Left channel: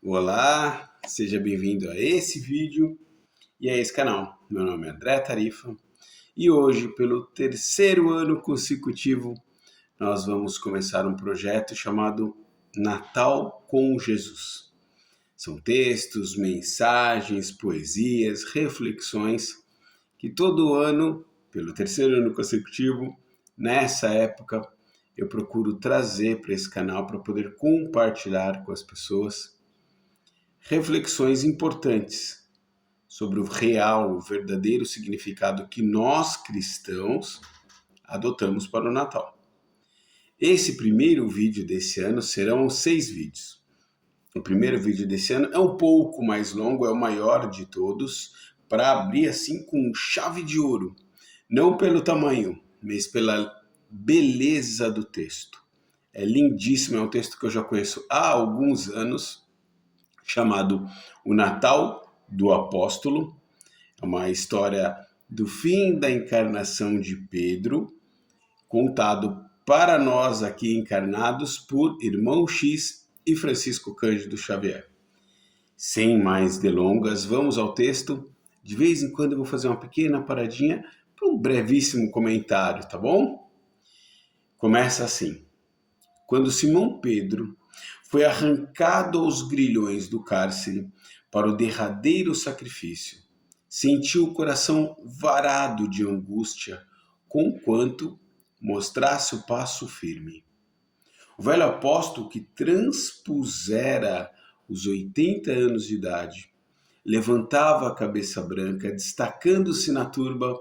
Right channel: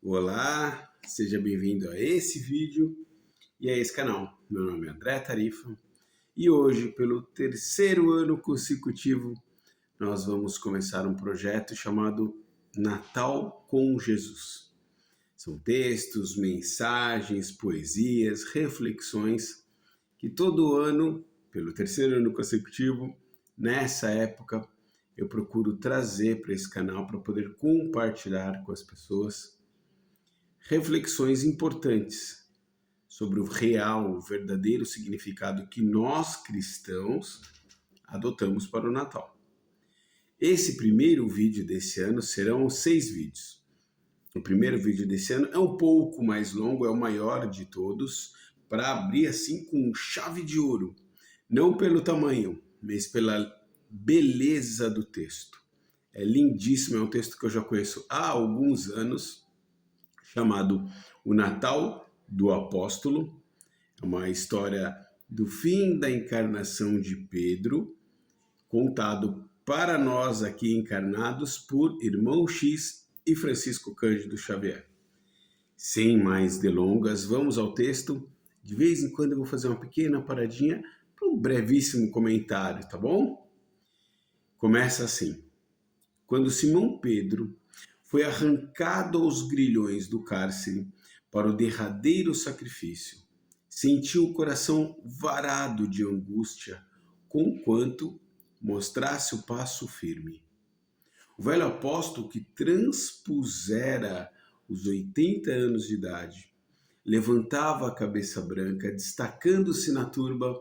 Olá, seja bem-vindo a esse vídeo e a esse canal. Meu nome é André Tarifa e hoje, pelo terceiro ano consecutivo, nós vamos começar um projeto chamado Natal com Jesus. São textos, mensagens, poesias, reflexões que todo ano, pelo terceiro ano consecutivo, nessa época, eu procuro trazer para esse canal para poder compartilhar com as pessoas reflexões importantes sobre o real, o verdadeiro significado que nós cristãos adotamos para o Natal. Esse primeiro vídeo desse ano serão 6 vídeos. O primeiro vídeo desse ano é um pouco mais longo, é o maior de todos, para abrir assim com chave de ouro. Não pelo tamanho, mas pela beleza do texto. É lindíssimo, é um texto que eu já conheço há alguns anos, chamado O Natal do Apóstolo. É uma história do fim da encarnação de Pedro, contado para nós aqui encarnados por Irmão X e Francisco Cândido Xavier. Sem mais delongas, vamos ao texto. De vez em quando eu vou fazer uma pequena paradinha para um brevíssimo comentário, tá bom? Começa assim. Quando Simão Pedro foi arrancado aos grilhões do cárcere para o derradeiro sacrifício, sentiu o coração varado de angústia, conquanto mostrasse o passo firme. O velho apóstolo, que transpusera os 80 anos de idade, levantava a cabeça branca, destacando-se na turba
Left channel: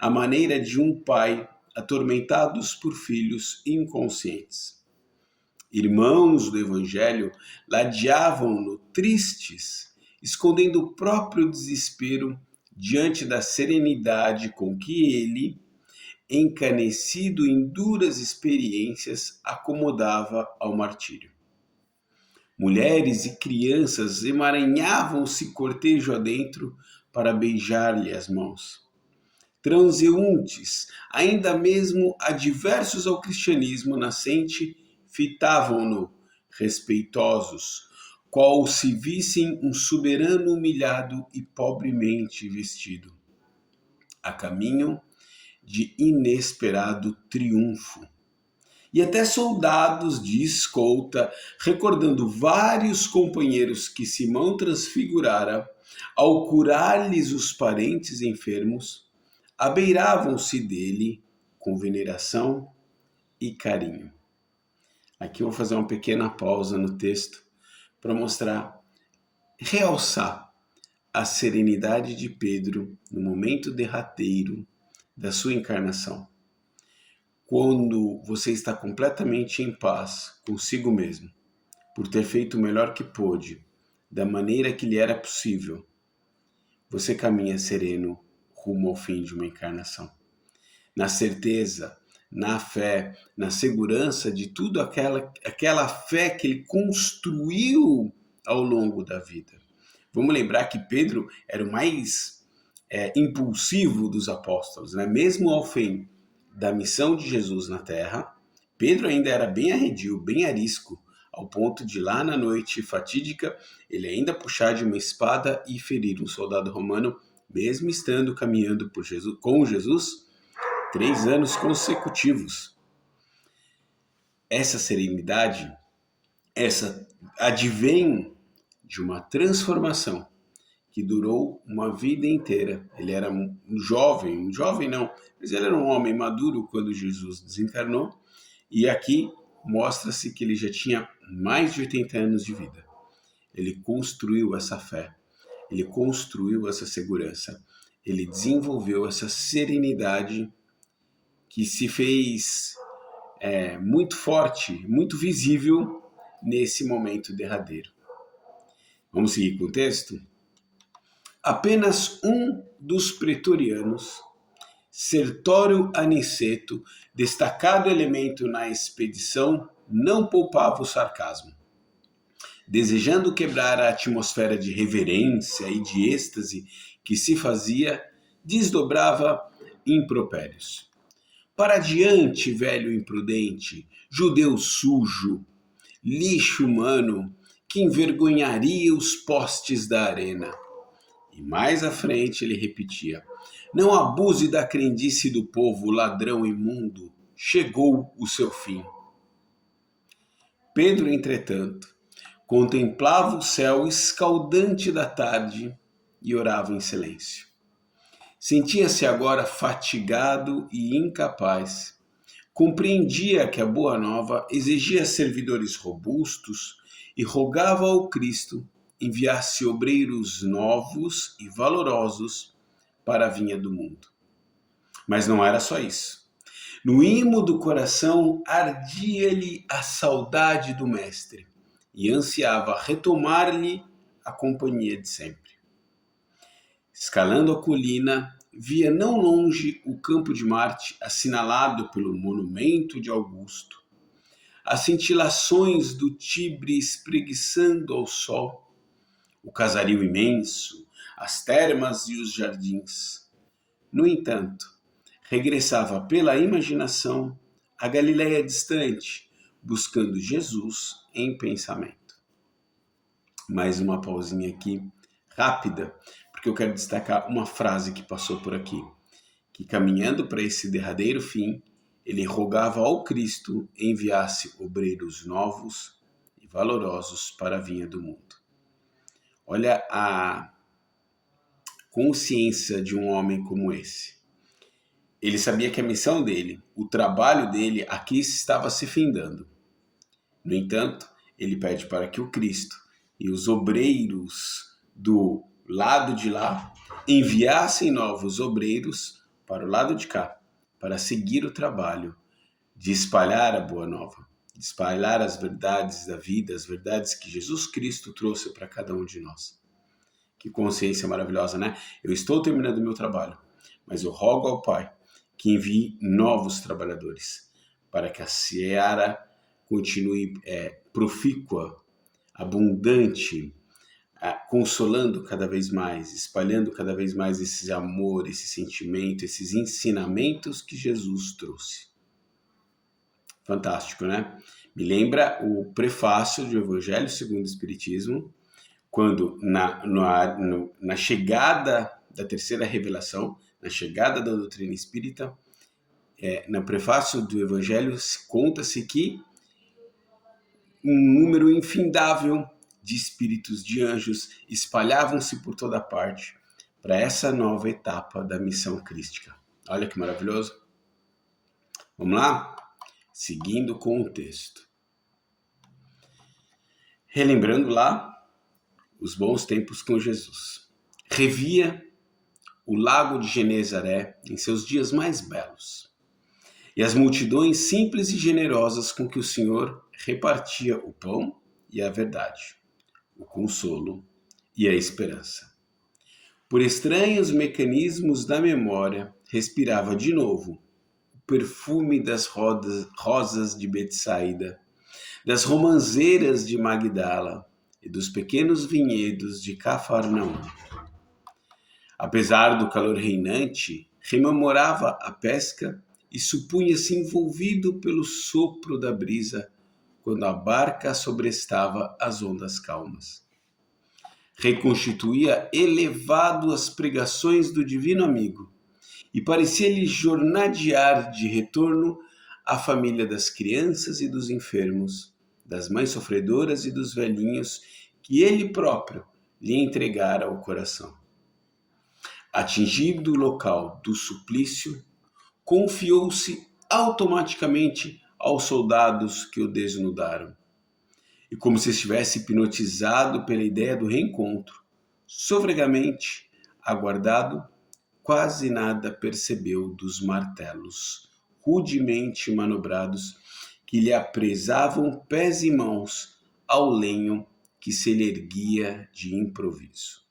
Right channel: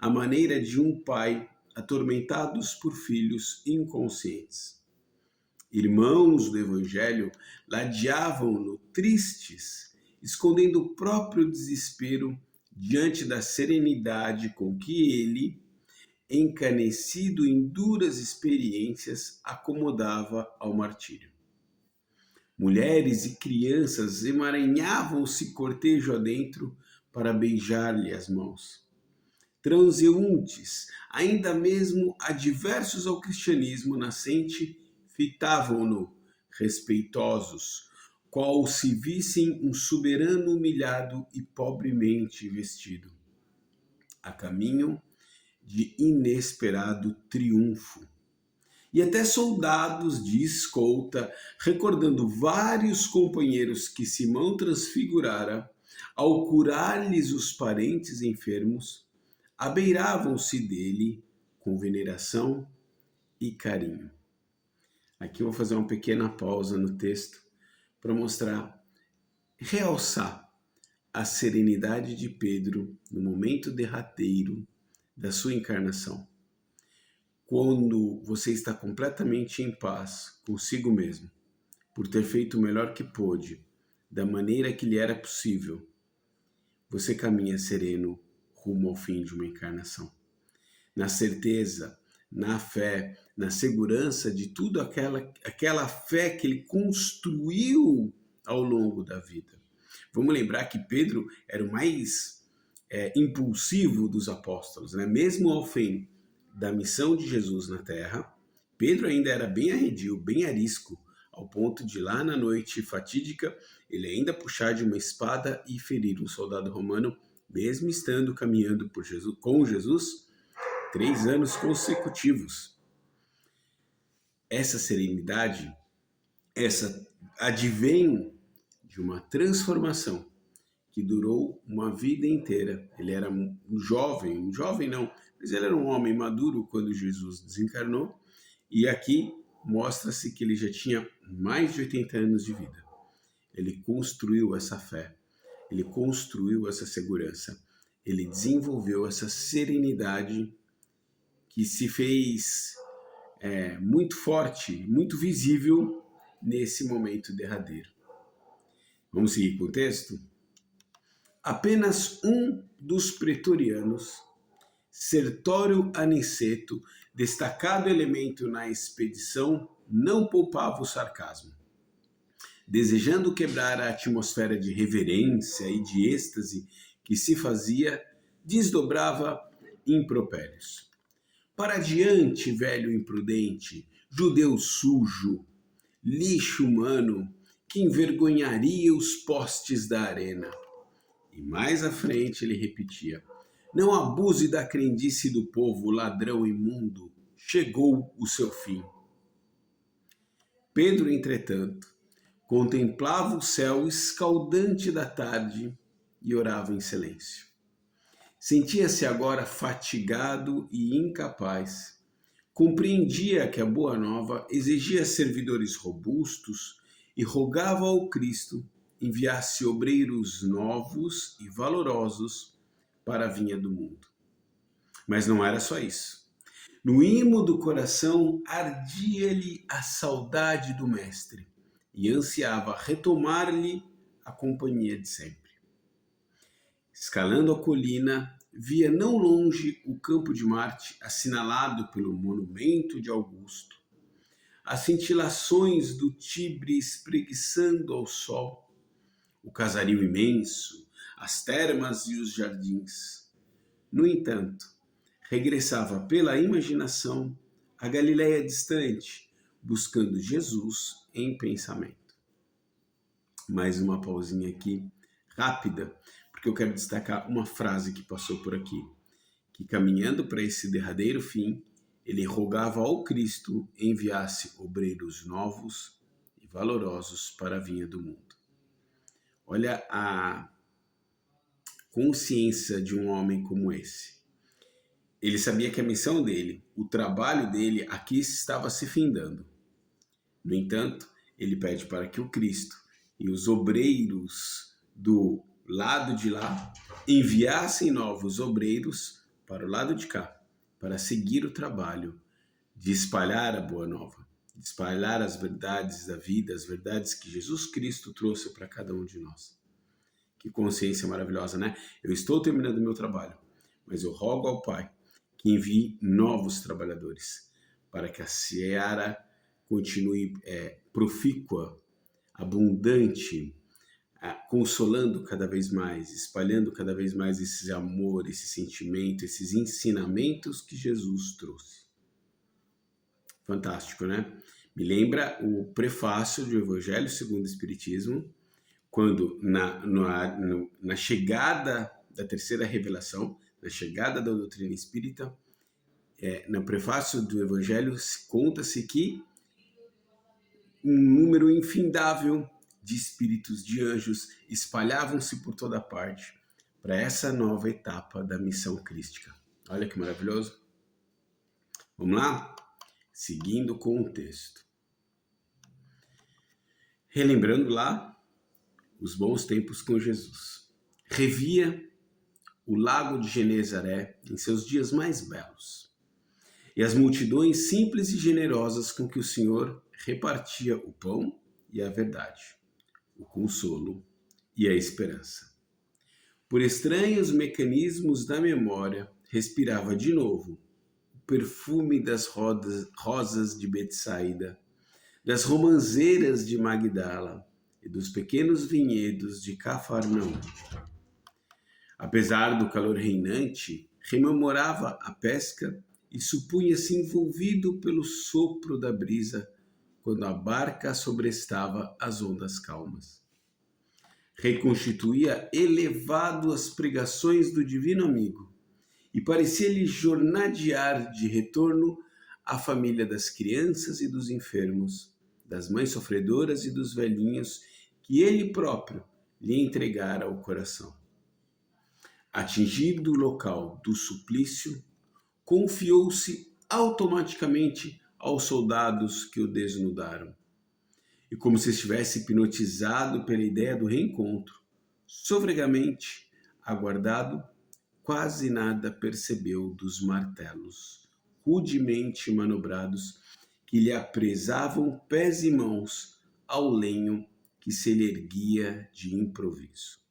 à maneira de um pai atormentados por filhos inconscientes. Irmãos do Evangelho ladeavam-no tristes, escondendo o próprio desespero diante da serenidade com que ele, encanecido em duras experiências, acomodava ao martírio. Mulheres e crianças emaranhavam-se cortejo adentro para beijar-lhe as mãos. Transeuntes, ainda mesmo adversos ao cristianismo nascente, fitavam-no, respeitosos, qual se vissem um soberano humilhado e pobremente vestido, a caminho de inesperado triunfo. E até soldados de escolta, recordando vários companheiros que Simão transfigurara, ao curar-lhes os parentes enfermos, abeiravam-se dele com veneração e carinho. Aqui eu vou fazer uma pequena pausa no texto para mostrar, realçar a serenidade de Pedro no momento derradeiro da sua encarnação. Quando você está completamente em paz consigo mesmo, por ter feito o melhor que pôde, da maneira que lhe era possível, você caminha sereno rumo ao fim de uma encarnação. Na certeza, na fé, na segurança de tudo aquela fé que ele construiu ao longo da vida. Vamos lembrar que Pedro era o mais impulsivo dos apóstolos, né? Mesmo ao fim da missão de Jesus na Terra, Pedro ainda era bem arredio, bem arisco, ao ponto de lá na noite fatídica ele ainda puxar de uma espada e ferir um soldado romano, mesmo estando caminhando com Jesus 3 anos consecutivos. Essa serenidade, essa advém de uma transformação que durou uma vida inteira. Ele era um jovem não, mas ele era um homem maduro quando Jesus desencarnou, e aqui mostra-se que ele já tinha mais de 80 anos de vida. Ele construiu essa fé, ele construiu essa segurança, ele desenvolveu essa serenidade que se fez muito forte, muito visível nesse momento derradeiro. Vamos seguir com o texto? Apenas um dos pretorianos, Sertório Aniceto, destacado elemento na expedição, não poupava o sarcasmo. Desejando quebrar a atmosfera de reverência e de êxtase que se fazia, desdobrava impropérios. Para diante, velho imprudente, judeu sujo, lixo humano, que envergonharia os postes da arena. E mais à frente ele repetia: não abuse da crendice do povo, ladrão imundo, chegou o seu fim. Pedro, entretanto, contemplava o céu escaldante da tarde e orava em silêncio. Sentia-se agora fatigado e incapaz. Compreendia que a Boa Nova exigia servidores robustos e rogava ao Cristo enviasse obreiros novos e valorosos para a vinha do mundo. Mas não era só isso. No imo do coração ardia-lhe a saudade do Mestre e ansiava retomar-lhe a companhia de sempre. Escalando a colina, via não longe o campo de Marte assinalado pelo monumento de Augusto, as cintilações do Tibre espreguiçando ao sol, o casario imenso, as termas e os jardins. No entanto, regressava pela imaginação à Galiléia distante, buscando Jesus em pensamento. Mais uma pausinha aqui, rápida, porque eu quero destacar uma frase que passou por aqui, que caminhando para esse derradeiro fim, ele rogava ao Cristo enviasse obreiros novos e valorosos para a vinha do mundo. Olha a consciência de um homem como esse. Ele sabia que a missão dele, o trabalho dele aqui estava se findando. No entanto, ele pede para que o Cristo e os obreiros do lado de lá enviassem novos obreiros para o lado de cá, para seguir o trabalho de espalhar a Boa Nova, de espalhar as verdades da vida, as verdades que Jesus Cristo trouxe para cada um de nós. Que consciência maravilhosa, né? Eu estou terminando meu trabalho, mas eu rogo ao Pai que envie novos trabalhadores para que a seara continue profícua, abundante, consolando cada vez mais, espalhando cada vez mais esse amor, esse sentimento, esses ensinamentos que Jesus trouxe. Fantástico, né? Me lembra o prefácio do Evangelho segundo o Espiritismo, quando na chegada da terceira revelação, na chegada da doutrina espírita, no prefácio do Evangelho conta-se que um número infindável de espíritos, de anjos, espalhavam-se por toda parte para essa nova etapa da missão crística. Olha que maravilhoso. Vamos lá? Seguindo com o texto. Relembrando lá os bons tempos com Jesus. Revia o lago de Genezaré em seus dias mais belos, e as multidões simples e generosas com que o Senhor repartia o pão e a verdade, o consolo e a esperança. Por estranhos mecanismos da memória, respirava de novo o perfume das rosas de Betsaida, das romãzeiras de Magdala e dos pequenos vinhedos de Cafarnaum. Apesar do calor reinante, rememorava a pesca e supunha-se envolvido pelo sopro da brisa quando a barca sobrestava as ondas calmas. Reconstituía elevado as pregações do divino amigo e parecia-lhe jornadear de retorno à família das crianças e dos enfermos, das mães sofredoras e dos velhinhos que ele próprio lhe entregara ao coração. Atingido o local do suplício, confiou-se automaticamente aos soldados que o desnudaram. E como se estivesse hipnotizado pela ideia do reencontro, sofregamente aguardado, quase nada percebeu dos martelos, rudemente manobrados, que lhe apresavam pés e mãos ao lenho que se lhe erguia de improviso.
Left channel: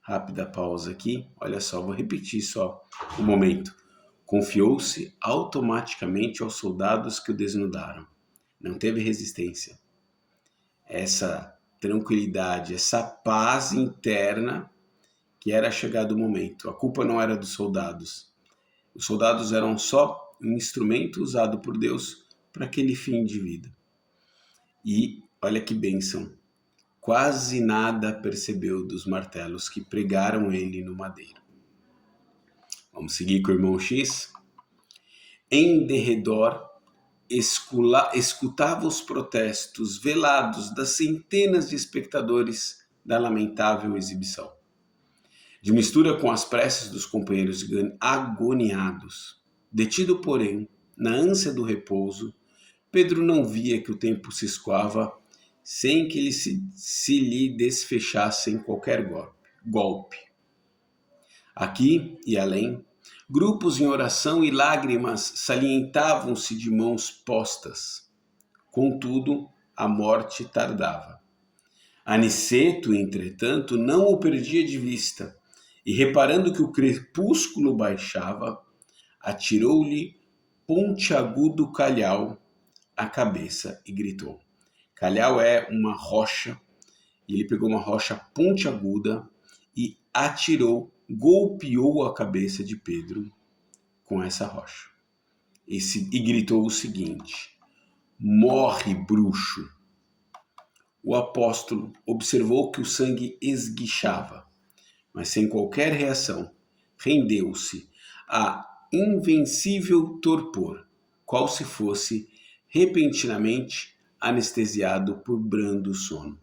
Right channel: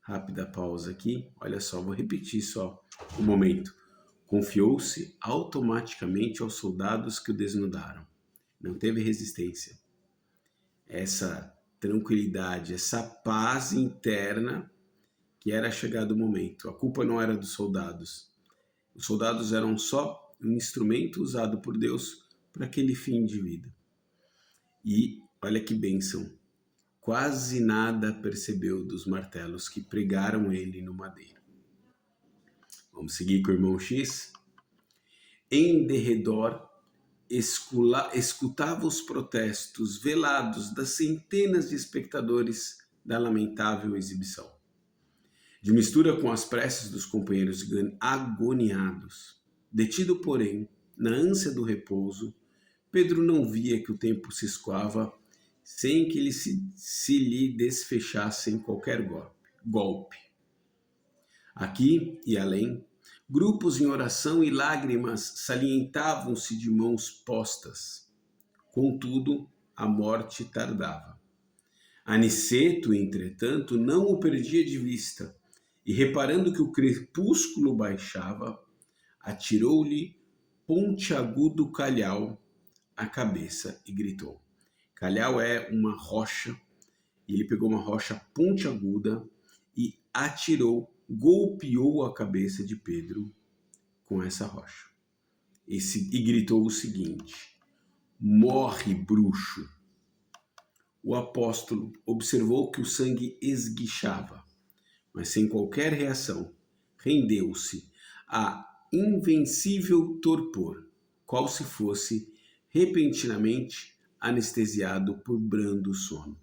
Rápida pausa aqui, olha só, vou repetir só o momento. Confiou-se automaticamente aos soldados que o desnudaram. Não teve resistência. Essa tranquilidade, essa paz interna que era chegado o momento. A culpa não era dos soldados. Os soldados eram só um instrumento usado por Deus para aquele fim de vida. E olha que bênção. quase nada percebeu dos martelos que pregaram ele no madeiro. Vamos seguir com o irmão X? Em derredor, escutava os protestos velados das centenas de espectadores da lamentável exibição. De mistura com as preces dos companheiros agoniados, detido, porém, na ânsia do repouso, Pedro não via que o tempo se escoava sem que se lhe desfechasse qualquer golpe. Aqui e além, grupos em oração e lágrimas salientavam-se de mãos postas. Contudo, a morte tardava. Aniceto, entretanto, não o perdia de vista, e reparando que o crepúsculo baixava, atirou-lhe pontiagudo calhau à cabeça e gritou. Calhau é uma rocha, e ele pegou uma rocha pontiaguda e golpeou a cabeça de Pedro com essa rocha. E gritou o seguinte: morre, bruxo! O apóstolo observou que o sangue esguichava, mas sem qualquer reação, rendeu-se a invencível torpor, qual se fosse repentinamente anestesiado por brando sono.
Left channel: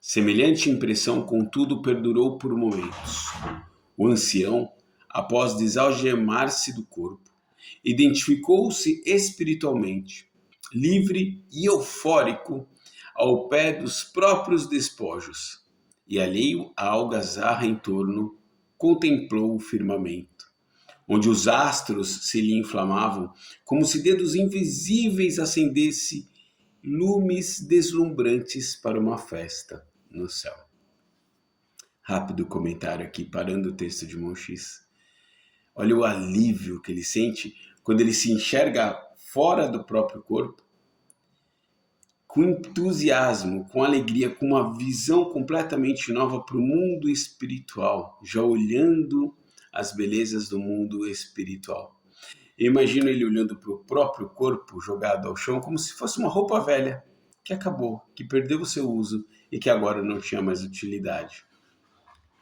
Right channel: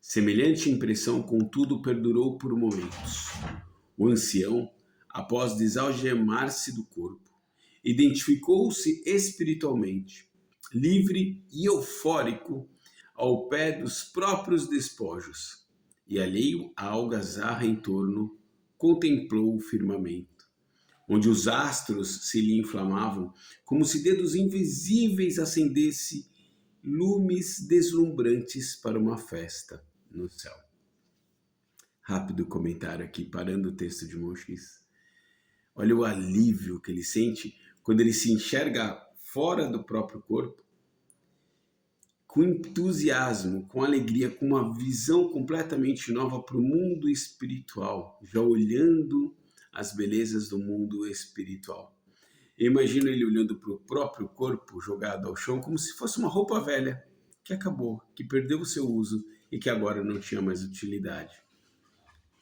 Semelhante impressão, contudo, perdurou por momentos. O ancião, após desalgemar-se do corpo, identificou-se espiritualmente, livre e eufórico, ao pé dos próprios despojos, e alheio à algazarra em torno, contemplou o firmamento, onde os astros se lhe inflamavam, como se dedos invisíveis acendessem lumes deslumbrantes para uma festa no céu. Rápido comentário aqui, parando o texto de irmão X. Olha o alívio que ele sente quando ele se enxerga fora do próprio corpo, com entusiasmo, com alegria, com uma visão completamente nova para o mundo espiritual, já olhando as belezas do mundo espiritual. Eu imagino ele olhando para o próprio corpo jogado ao chão como se fosse uma roupa velha, que acabou, que perdeu o seu uso e que agora não tinha mais utilidade.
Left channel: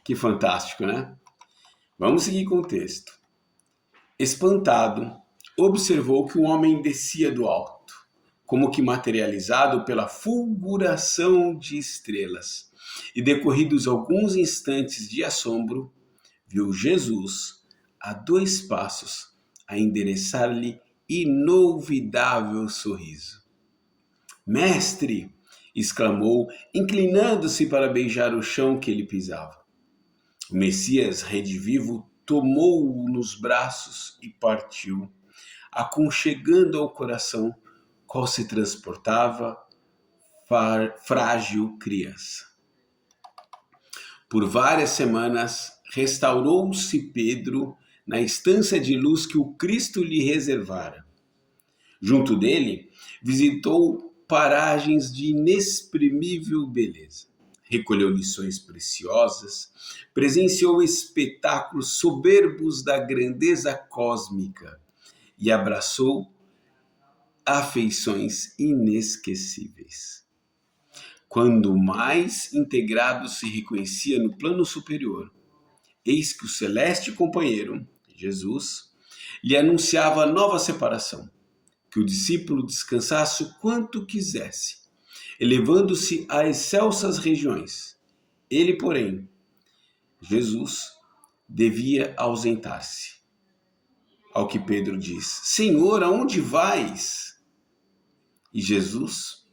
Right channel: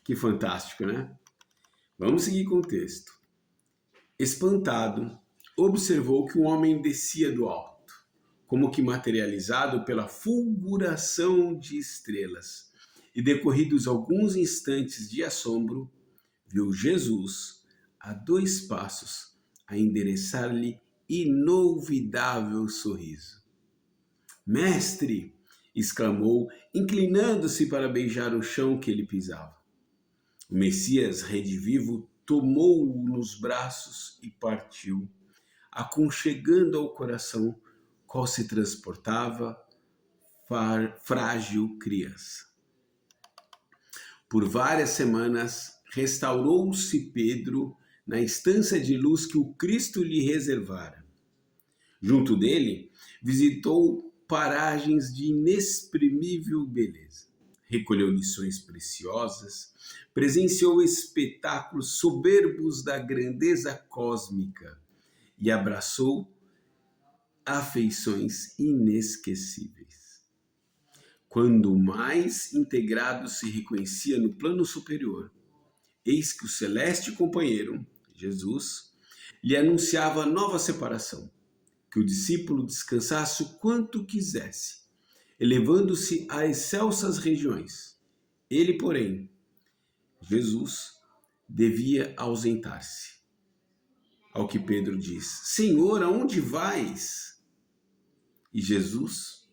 Que fantástico, né? Vamos seguir com o texto. Espantado, observou que um homem descia do alto, como que materializado pela fulguração de estrelas, e decorridos alguns instantes de assombro, viu Jesus, a 2 passos, a endereçar-lhe inolvidável sorriso. Mestre! Exclamou, inclinando-se para beijar o chão que ele pisava. O Messias redivivo tomou-o nos braços e partiu, aconchegando ao coração qual se transportava frágil criança. Por várias semanas, restaurou-se Pedro na estância de luz que o Cristo lhe reservara. Junto dele, visitou paragens de inexprimível beleza. Recolheu lições preciosas, presenciou espetáculos soberbos da grandeza cósmica e abraçou afeições inesquecíveis. Quando mais integrado se reconhecia no plano superior, eis que o celeste companheiro, Jesus, lhe anunciava nova separação, que o discípulo descansasse o quanto quisesse, elevando-se a excelsas regiões. Ele, porém, Jesus, devia ausentar-se. Ao que Pedro diz: Senhor, aonde vais? E Jesus,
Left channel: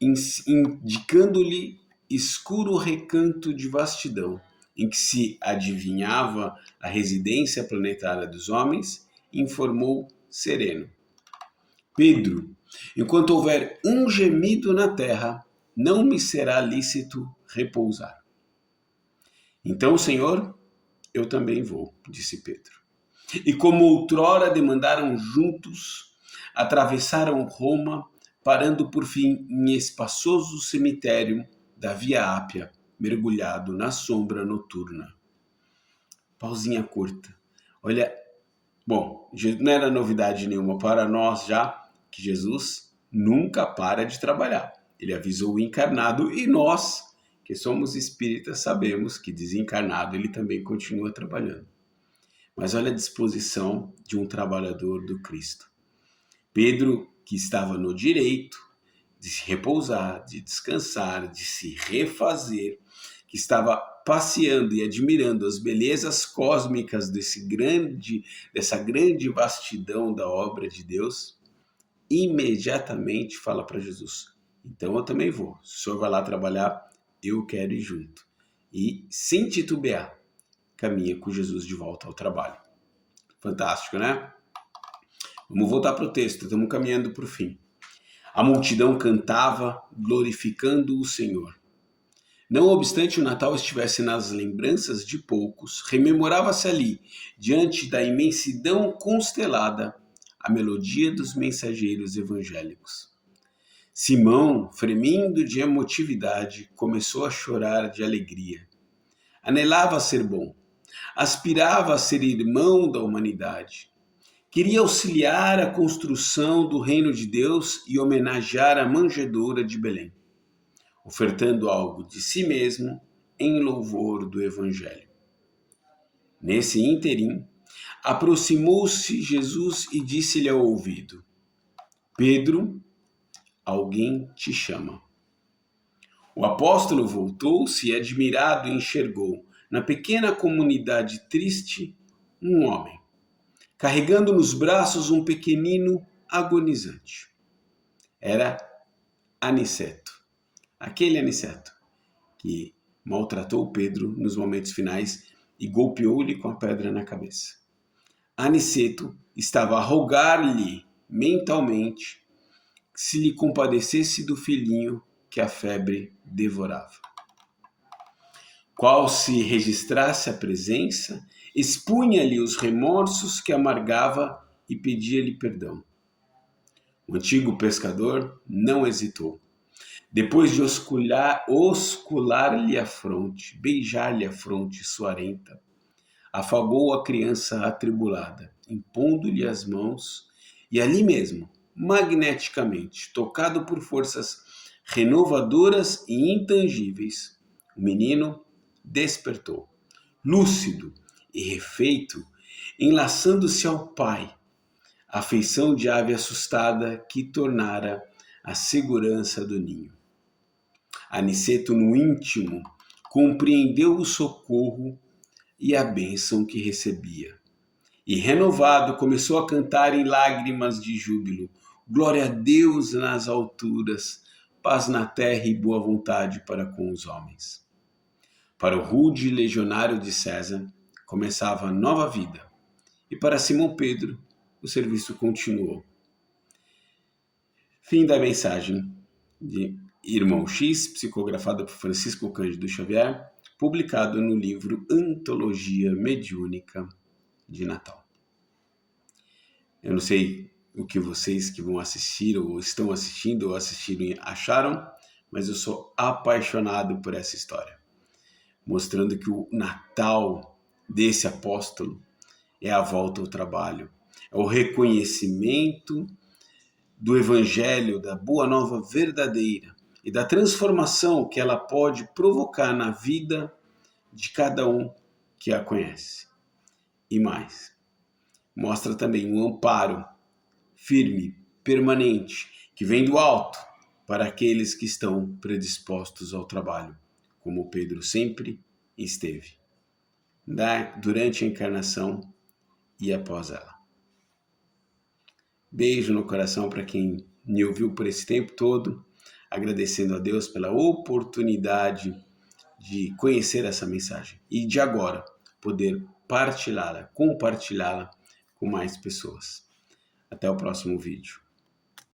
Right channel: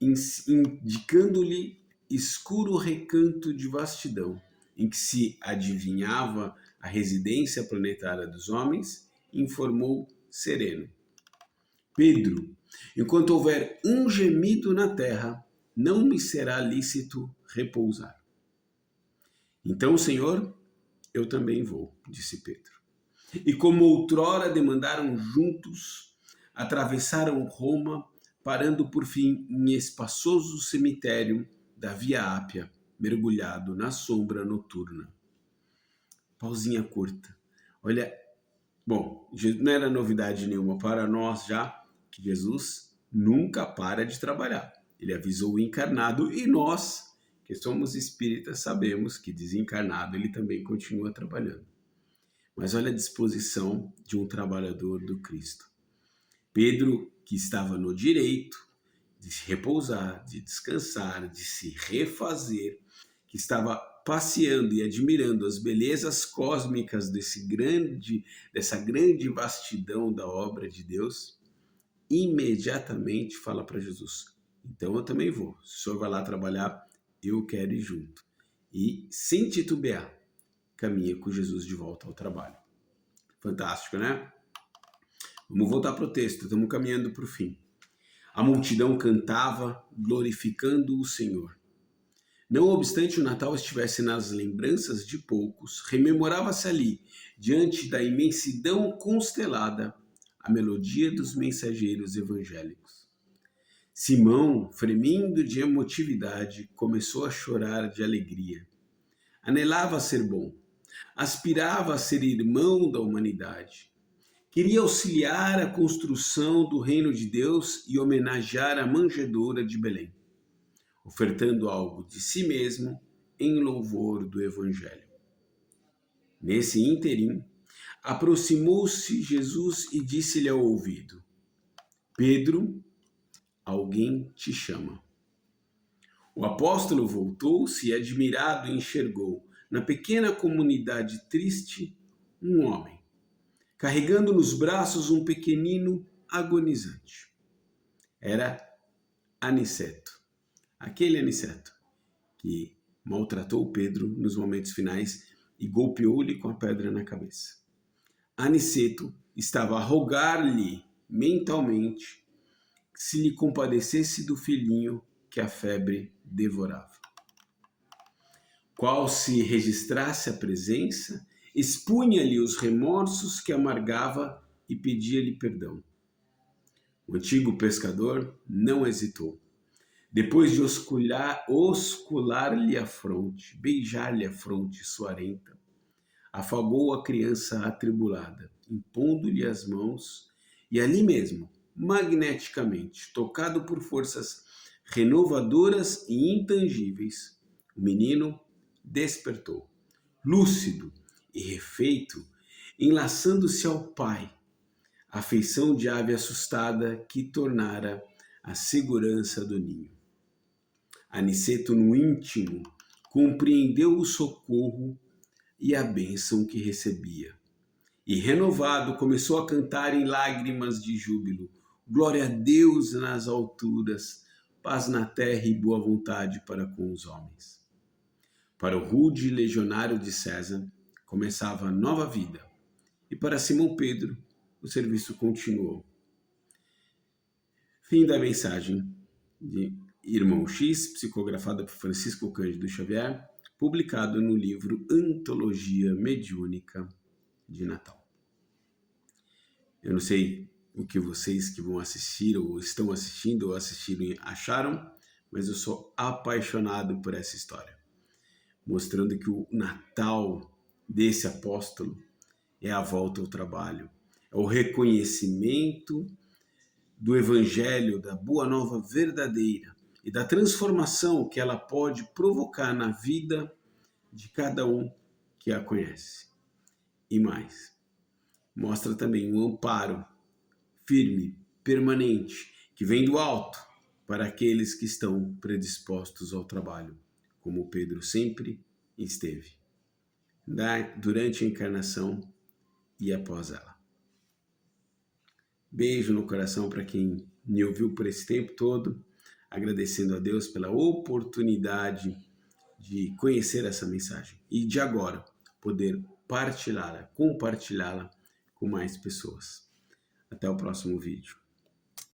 indicando-lhe escuro recanto de vastidão, em que se adivinhava a residência planetária dos homens, informou sereno: Pedro, enquanto houver um gemido na terra, não me será lícito repousar. Então, Senhor, eu também vou, disse Pedro. E como outrora demandaram juntos, atravessaram Roma, parando por fim em espaçoso cemitério da Via Ápia, mergulhado na sombra noturna. Pausinha curta. Olha, bom, não era novidade nenhuma para nós já que Jesus nunca para de trabalhar. Ele avisou o encarnado e nós, que somos espíritas, sabemos que desencarnado ele também continua trabalhando. Mas olha a disposição de um trabalhador do Cristo. Pedro, que estava no direito de se repousar, de descansar, de se refazer, que estava passeando e admirando as belezas cósmicas dessa grande vastidão da obra de Deus, imediatamente fala para Jesus: então eu também vou. Se o senhor vai lá trabalhar, eu quero ir junto. E, sem titubear, caminha com Jesus de volta ao trabalho. Fantástico, né? Vamos voltar para o texto, estamos caminhando para o fim. A multidão cantava, glorificando o Senhor. Não obstante o Natal estivesse nas lembranças de poucos, rememorava-se ali, diante da imensidão constelada, a melodia dos mensageiros evangélicos. Simão, fremindo de emotividade, começou a chorar de alegria. Anelava a ser bom, aspirava a ser irmão da humanidade. Queria auxiliar a construção do reino de Deus e homenagear a manjedoura de Belém, ofertando algo de si mesmo em louvor do Evangelho. Nesse ínterim, aproximou-se Jesus e disse-lhe ao ouvido: Pedro, alguém te chama. O apóstolo voltou-se e, admirado, enxergou, na pequena comunidade triste, um homem, carregando nos braços um pequenino agonizante. Era Aniceto, aquele Aniceto que maltratou Pedro nos momentos finais e golpeou-lhe com a pedra na cabeça. Aniceto estava a rogar-lhe mentalmente se lhe compadecesse do filhinho que a febre devorava. Qual se registrasse a presença, expunha-lhe os remorsos que amargava e pedia-lhe perdão. O antigo pescador não hesitou. Depois de oscular-lhe a fronte, beijar-lhe a fronte suarenta, afagou a criança atribulada, impondo-lhe as mãos, e ali mesmo, magneticamente, tocado por forças renovadoras e intangíveis, o menino despertou, lúcido e refeito, enlaçando-se ao pai, afeição de ave assustada que tornara a segurança do ninho. Aniceto, no íntimo, compreendeu o socorro e a bênção que recebia. E, renovado, começou a cantar em lágrimas de júbilo: glória a Deus nas alturas, paz na terra e boa vontade para com os homens. Para o rude legionário de César, começava a nova vida. E para Simão Pedro, o serviço continuou. Fim da mensagem de Irmão X, psicografada por Francisco Cândido Xavier, publicado no livro Antologia Mediúnica de Natal. Eu não sei o que vocês que vão assistir ou estão assistindo ou assistiram acharam, mas eu sou apaixonado por essa história, mostrando que o Natal desse apóstolo é a volta ao trabalho, é o reconhecimento do Evangelho, da Boa Nova verdadeira e da transformação que ela pode provocar na vida de cada um que a conhece. E mais, mostra também um amparo firme, permanente, que vem do alto para aqueles que estão predispostos ao trabalho, como Pedro sempre esteve, durante a encarnação e após ela. Beijo no coração para quem me ouviu por esse tempo todo, agradecendo a Deus pela oportunidade de conhecer essa mensagem e de agora poder compartilhá-la com mais pessoas. Até o próximo vídeo.